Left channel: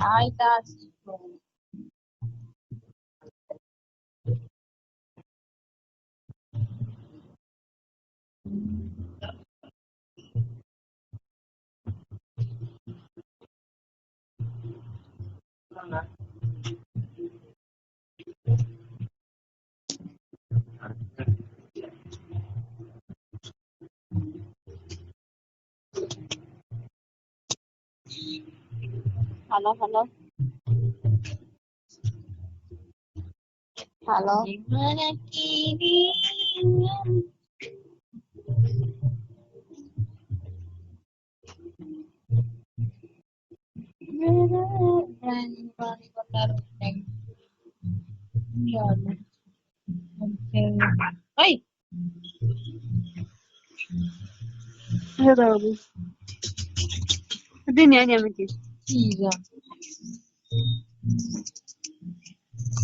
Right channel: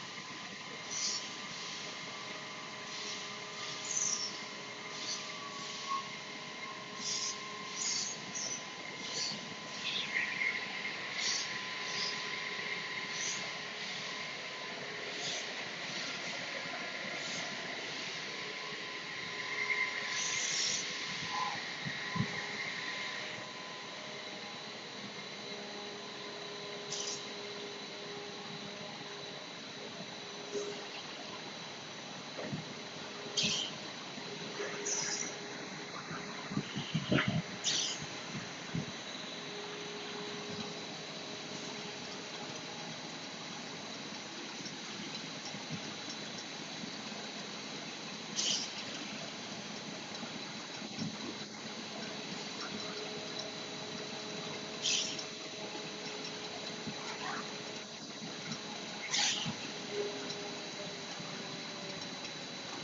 Ay, Dad. Halo, halo. Halo. Gimana ini? Ay, هذا أبوي الدنيا أنا بدي iya.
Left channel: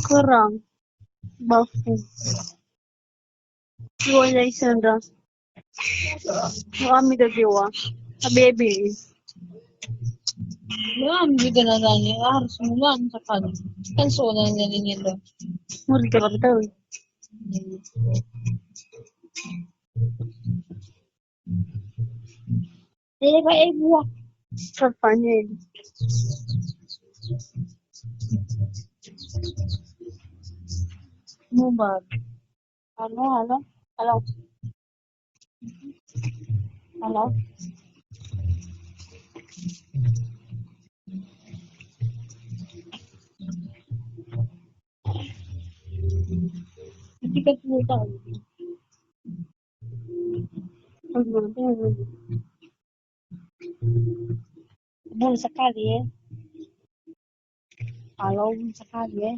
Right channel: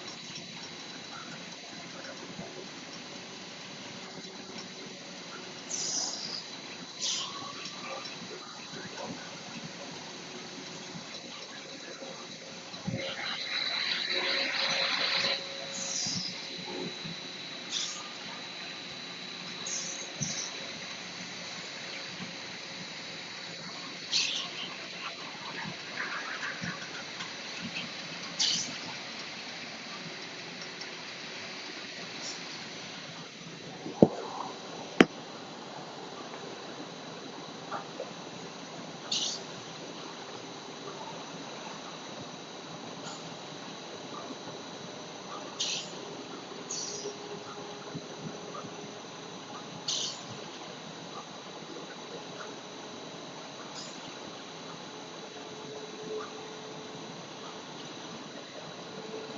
كرام بافو ولا يسندا وأمي تجوا حبيبي Marami juga na nanya, harus naman bukan. Kan soalnya ganyan nila. مرة قربتوي Eva, Eva. كفاني Mubad. هلا هلا هلا هلا Hindi ka pumunta. Doon sa kalye. Halo, sa kalye.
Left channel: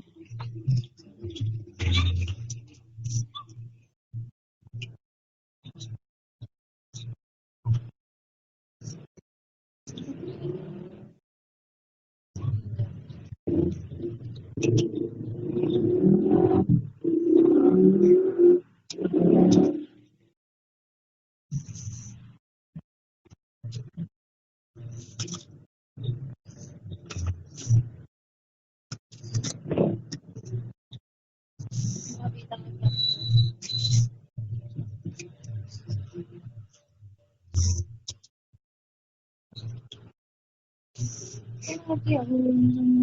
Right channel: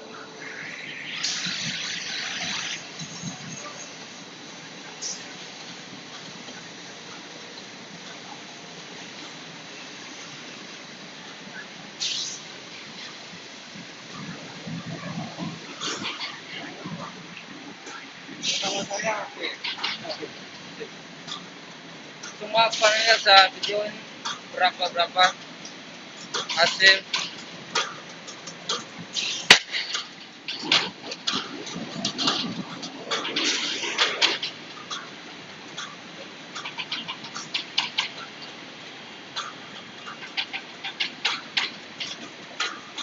Cuma panelnya sa video ini berapa hasil Ay,